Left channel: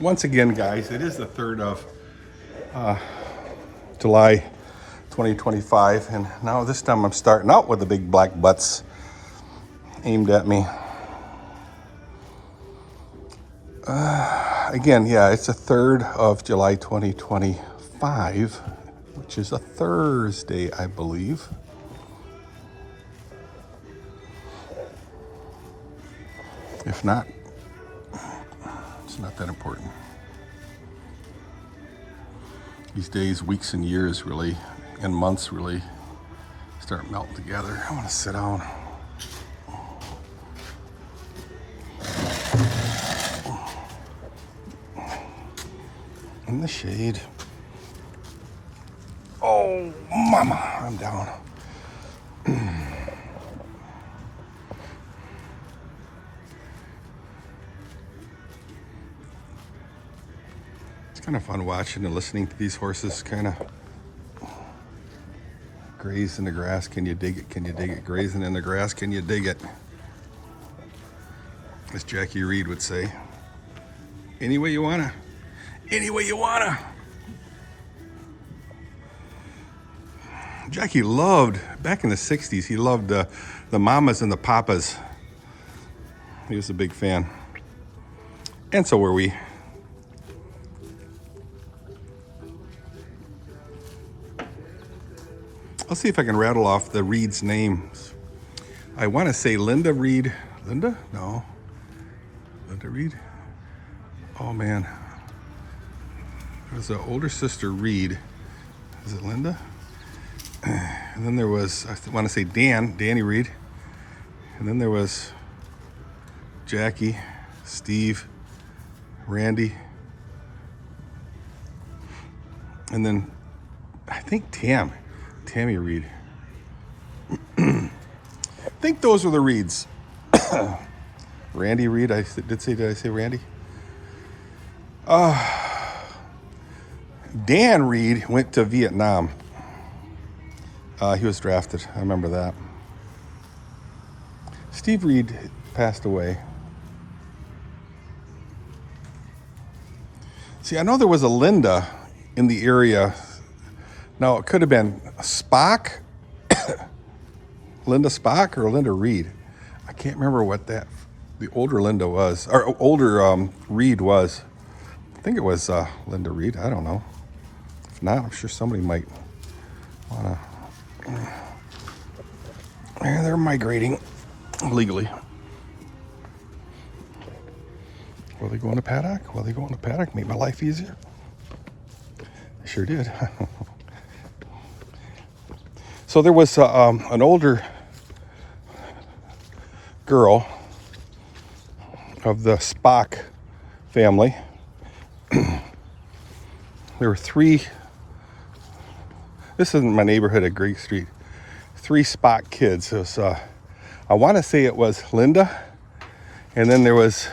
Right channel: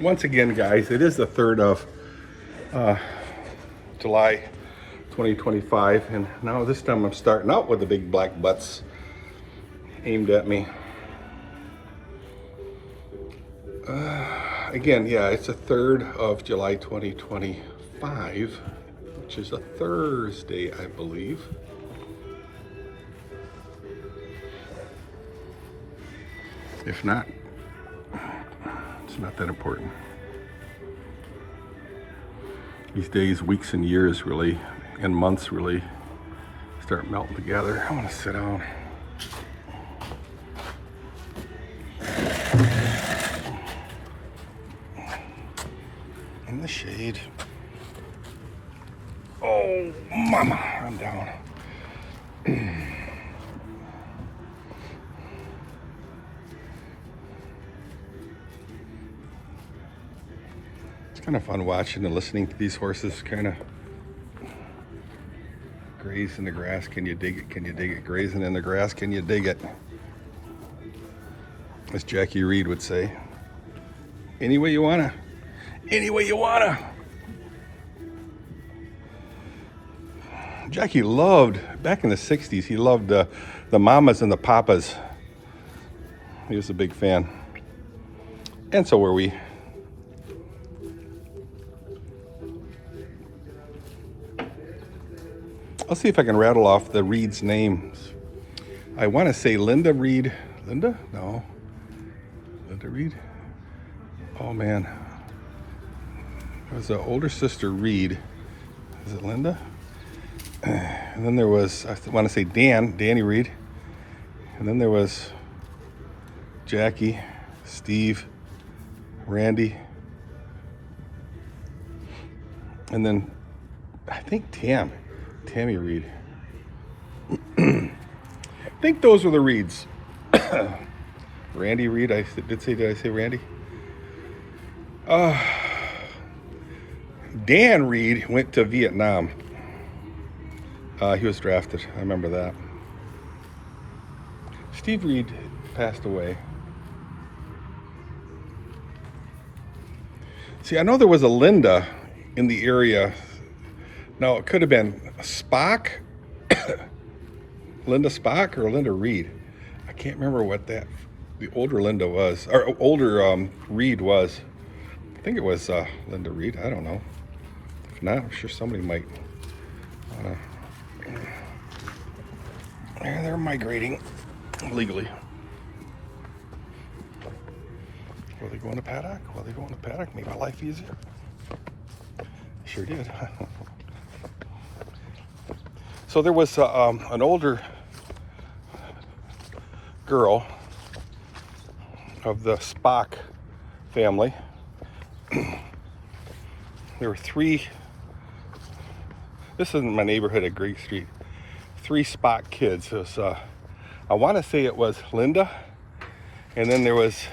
Once again, guys, it is the 3rd of July 2025, and now this time I'm starting out with the big black butts aimed at me. Again, yeah, it's the 3rd of July 2025, which is a Thursday, I believe. If not, it's not that important. These days, weeks and years really, and months really start melting together. I want to sit down. In the shade. Oh, mama, I'm down. It's kind of fun watching and listening to these horses kind of graze in the grass. Can you dig it? Can you dig it? Grazing in the grass. Can you dig it? As Jackie Reed would say. Any way you wanna. Any way you wanna. Jackie loved, back in the 60s, he loved the mamas and the papas. He was a big fan. And so were we. I'll see if I can rattle off the Reed's names. I want to say Linda Reed. Linda? No. Linda Reed? Oh, man. There was an older sister, Reed. Is it Linda? And then there was, I want to say Danny Reed. And then there was Jackie, Steve, Randy. And then I think Tammy Reed. I think those were the Reeds. Randy Reed, did I say Randy? Dan Reed went to Vietnam. He was drafted, I remember that. Steve Reed passed away. See, I know there was a Linda in the area. No, it could have been Spock, Linda Spock or Linda Reed. I can't remember what the older Linda was, or older Reed was. I think it was Linda Reed. I don't know. If not, I'm sure somebody might wanna. Yeah, they're migrating legally. Will they go in the paddock? Will they go in the paddock? Make my life easier? They sure did. So there was an older girl of the Spaks family. There were 3, this isn't my neighborhood at Greek Street, 3 Spaks kids. It was, I want to say it was Linda, and then there was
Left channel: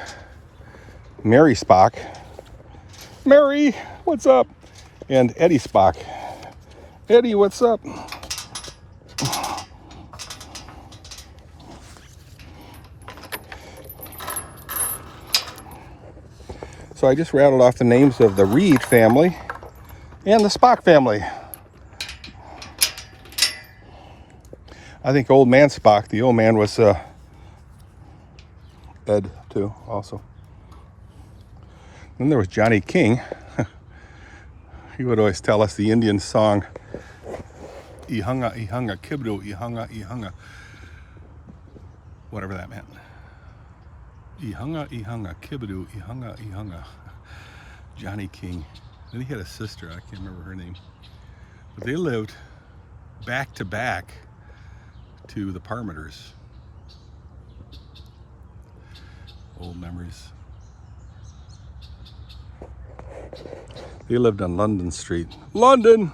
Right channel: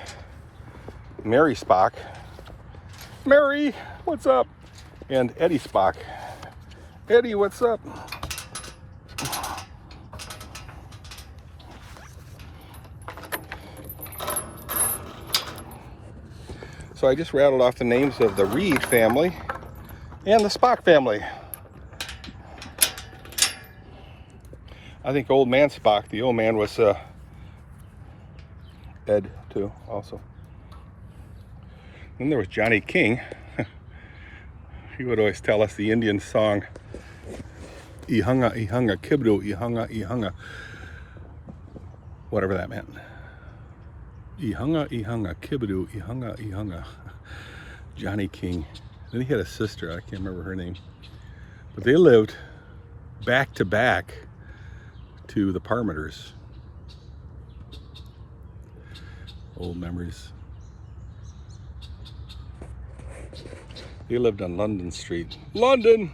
Mary Spak. Mary, what's up? And Eddie Spak. Eddie, what's up? So I just rattled off the names of the Reed family and the Spak family. I think old man Spak, the old man was Ed too, also. Then there was Johny King. He would always tell us the Indian song, Ihunga, Ihunga, Kibdo, Ihunga, Ihunga. Whatever that meant. Ihunga, Ihunga, Kibdo, Ihunga, Ihunga. Johny King. Then he had a sister, I can't remember her name. But they lived back to back to the Parmeters. Old memories. They lived on London Street. London!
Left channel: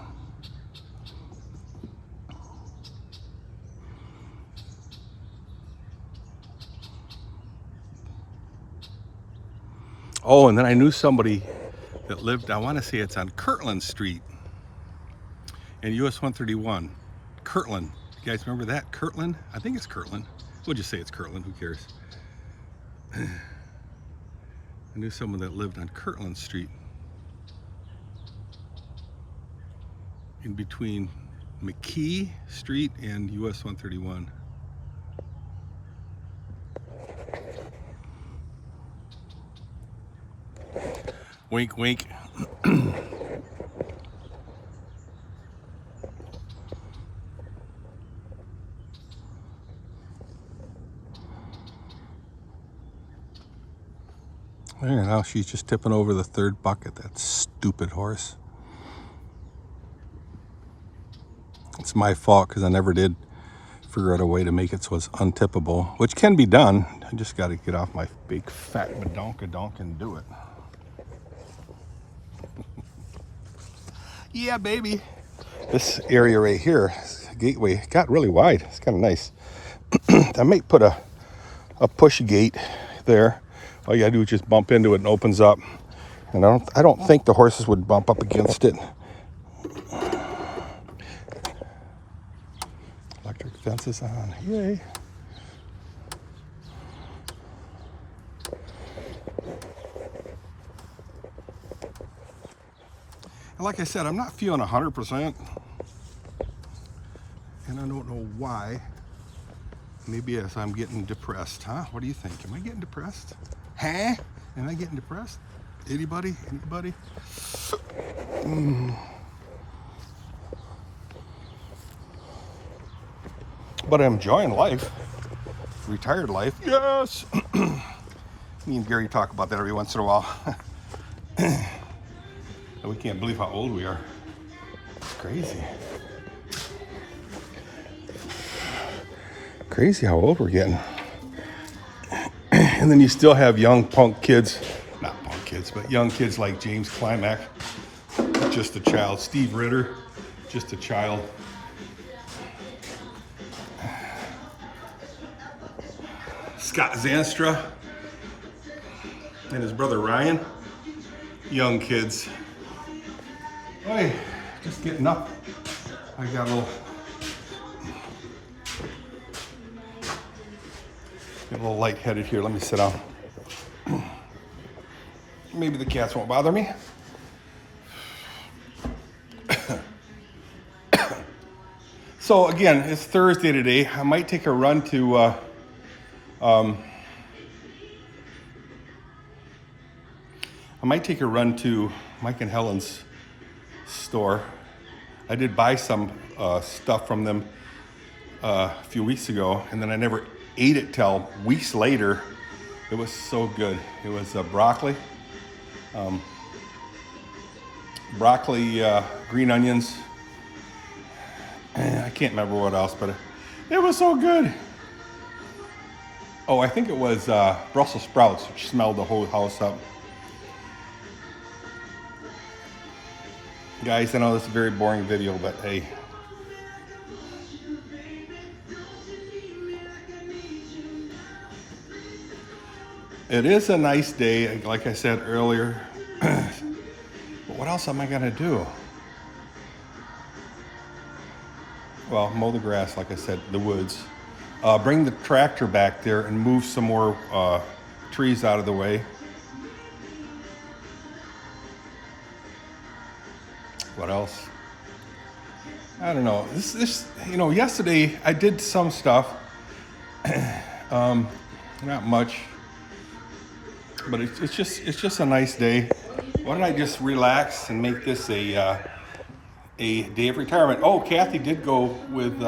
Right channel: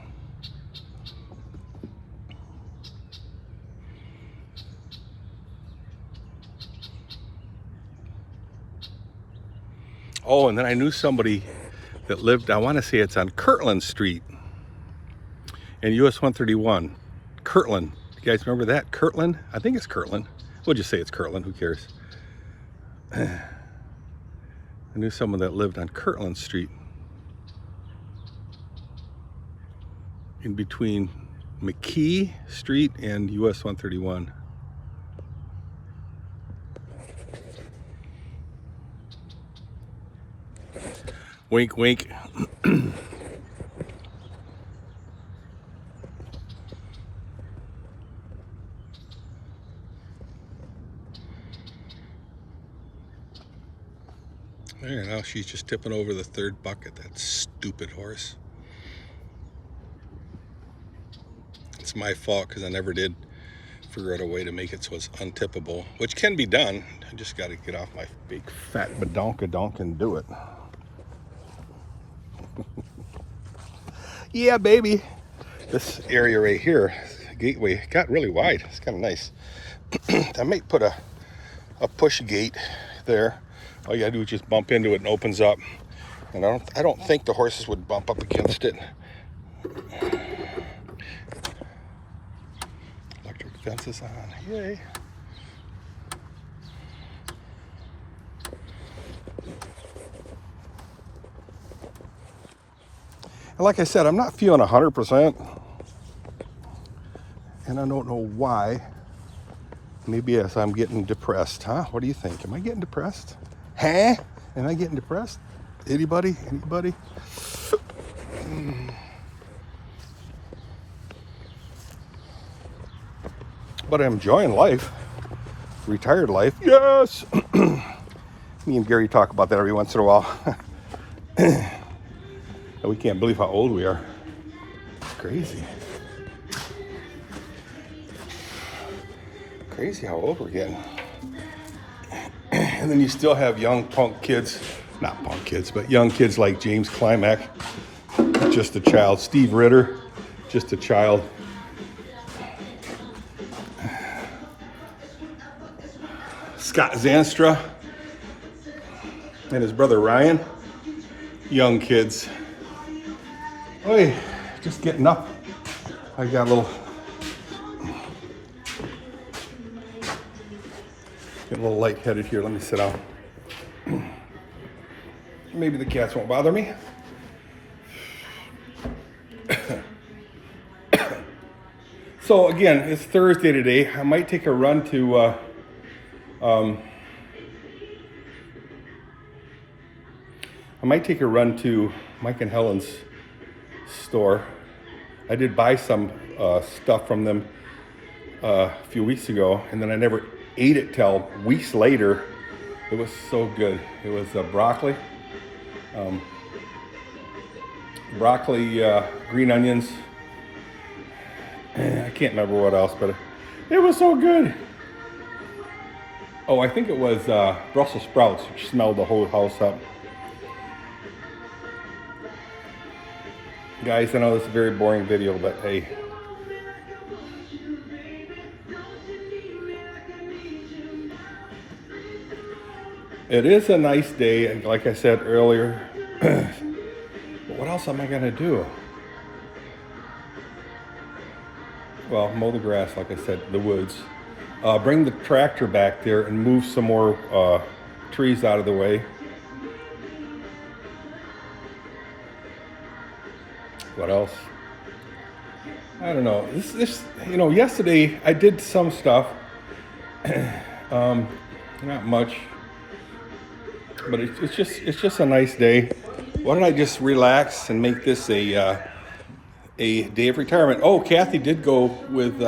Oh, and then I knew somebody that lived, I want to say it's on Kirtland Street and US 131. Kirtland. You guys remember that? Kirtland? I think it's Kirtland. We'll just say it's Kirtland. Who cares? I knew someone that lived on Kirtland Street, in between McKee Street and US 131. Wink, wink. There, now she's just tipping over the third bucket. That stupid horse. It's my fault because I never did figure out a way to make it so it's untippable, which can be done. I just got to get off my big fat badonkadonk and do it. Yeah, baby. This area right here, gateway, got really wide. It's kind of nice. I might put a push gate there. All you gotta do is just bump into it and it opens up. And I don't think the horses would bump up against it. Electric fence is on. Yay. And like I said, I'm not feeling 100%. And I don't know why. Maybe yes, I'm getting depressed, huh? What do you think? Am I getting depressed? Huh? Am I getting depressed? Anybody? Anybody? But I'm enjoying life. Retired life. Yes! Me and Gary talk about that every once in a while. We can't believe how old we are. It's crazy. Crazy how old we're getting. And then you still have young punk kids, not punk kids, but young kids like James Climack, just a child. Steve Ritter, just a child. Scott Zanstra and his brother Ryan, young kids. Oi, just getting up. I got a little, getting a little lightheaded here. Let me sit down. Maybe the cats won't bother me. So again, it's Thursday today. I might take a run to Mike and Helen's store. I did buy some stuff from them a few weeks ago, and then I never ate it till weeks later. It was so good. It was broccoli, green onions. I can't remember what else, but it was so good. Oh, I think it was Brussels sprouts, which smelled the whole house up. Guys, I know this is a very boring video, but hey. It is a nice day, like I said earlier. But what else am I gonna do? Well, mow the grass, like I said, the woods. Bring the tractor back there and move some more trees out of the way. What else? I don't know. This, you know, yesterday I did some stuff. Not much, but it's just a nice day. Why don't I just relax and make this a day of retirement? Oh, Kathy did go with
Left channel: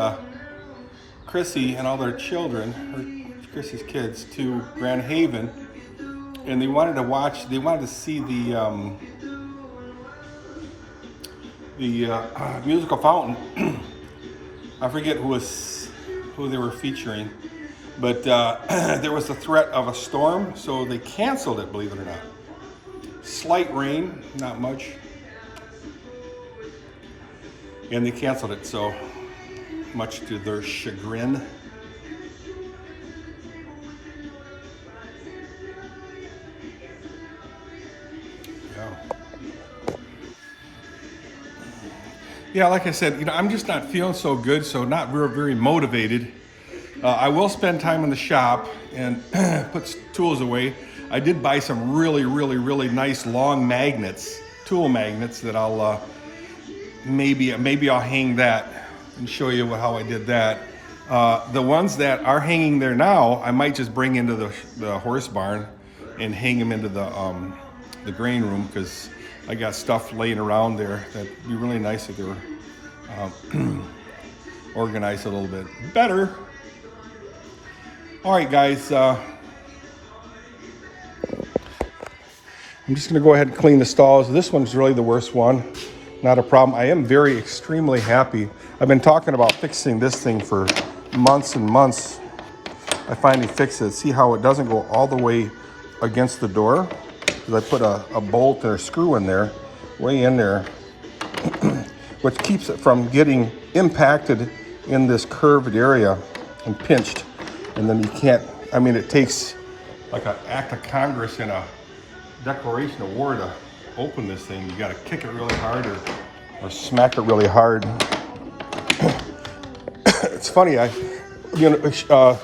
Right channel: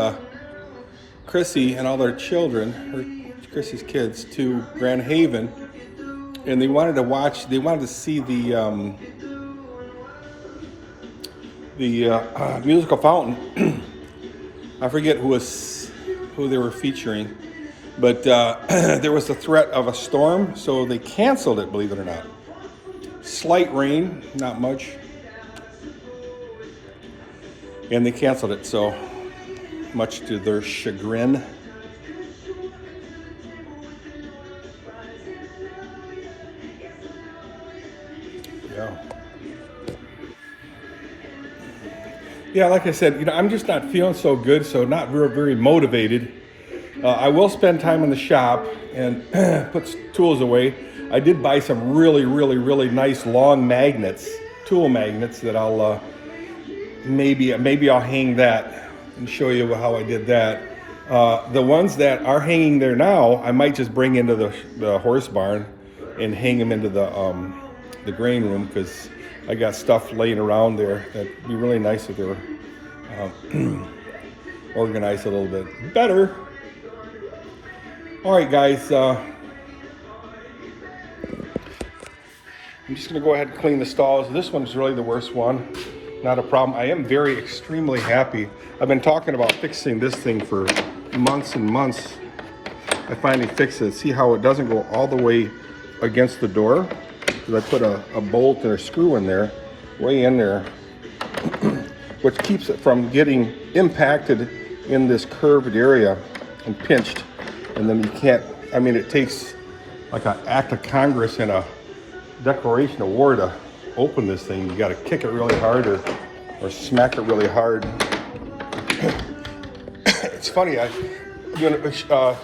Chrissy and all their children, Chrissy's kids, to Grand Haven, and they wanted to see the musical fountain. I forget who they were featuring, but there was the threat of a storm, so they canceled it, believe it or not. Slight rain, not much, and they canceled it, so much to their chagrin. Yeah, like I said, you know, I'm just not feeling so good, so not very motivated. I will spend time in the shop and put tools away. I did buy some really nice long magnets, tool magnets that I'll maybe I'll hang that and show you how I did that. The ones that are hanging there now, I might just bring into the horse barn and hang them into the grain room, because I got stuff laying around there that'd be really nice if they were organized a little bit better. All right, guys. I'm just going to go ahead and clean the stalls. This one's really the worst one. Not a problem. I am extremely happy. I've been talking about fixing this thing for months and months. I finally fixed it. See how it doesn't go all the way against the door? Because I put a bolt or a screw in there, way in there, which keeps it from getting impacted in this curved area and pinched. And then you can't, I mean, it takes like an act of Congress and a Declaration of War to open this thing. You got to kick it really hard or smack it really hard. It's funny, the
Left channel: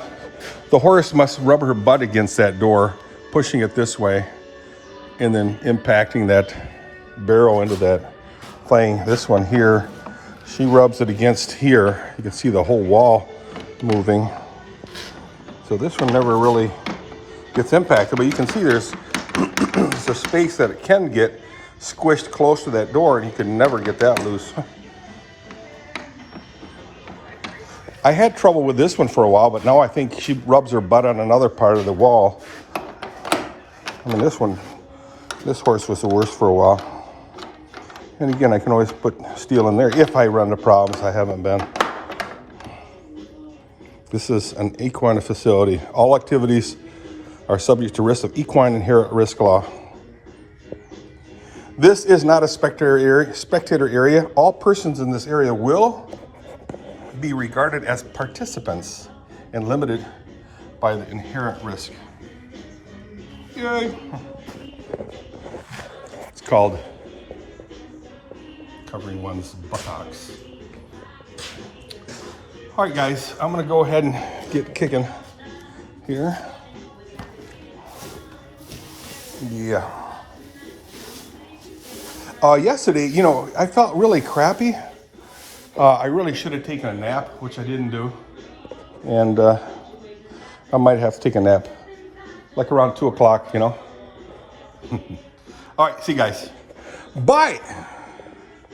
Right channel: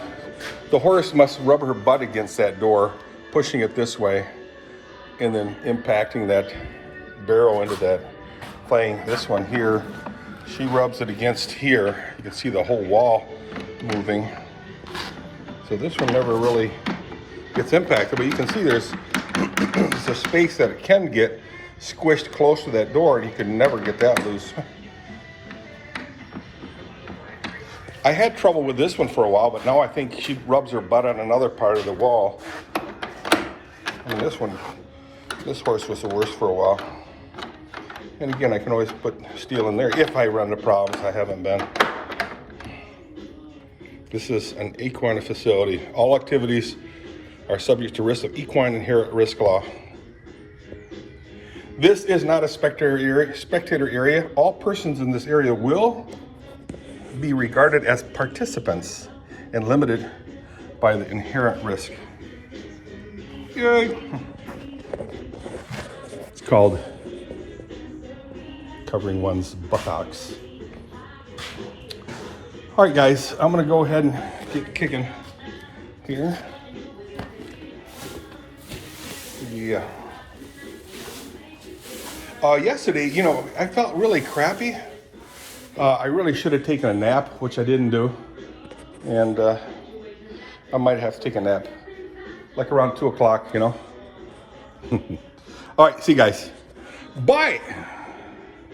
horse must rub her butt against that door, pushing it this way, and then impacting that barrel into that thing. This one here, she rubs it against here. You can see the whole wall moving. So this one never really gets impacted, but you can see there's a space that it can get squished close to that door, and you can never get that loose. I had trouble with this one for a while, but now I think she rubs her butt on another part of the wall. I mean, this horse was the worst for a while. And again, I can always put steel in there if I run into problems. I haven't been. This is an equine facility. All activities are subject to risk of equine inherent risk law. This is not a spectator area. All persons in this area will be regarded as participants and limited by the inherent risk. Yay. It's called covering one's buttocks. All right, guys, I'm gonna go ahead and get kicking here. Yeah. Yesterday, you know, I felt really crappy. I really should have taken a nap, which I didn't do. And I might have to take a nap, like around 2 o'clock, you know. All right, see you guys. Bye.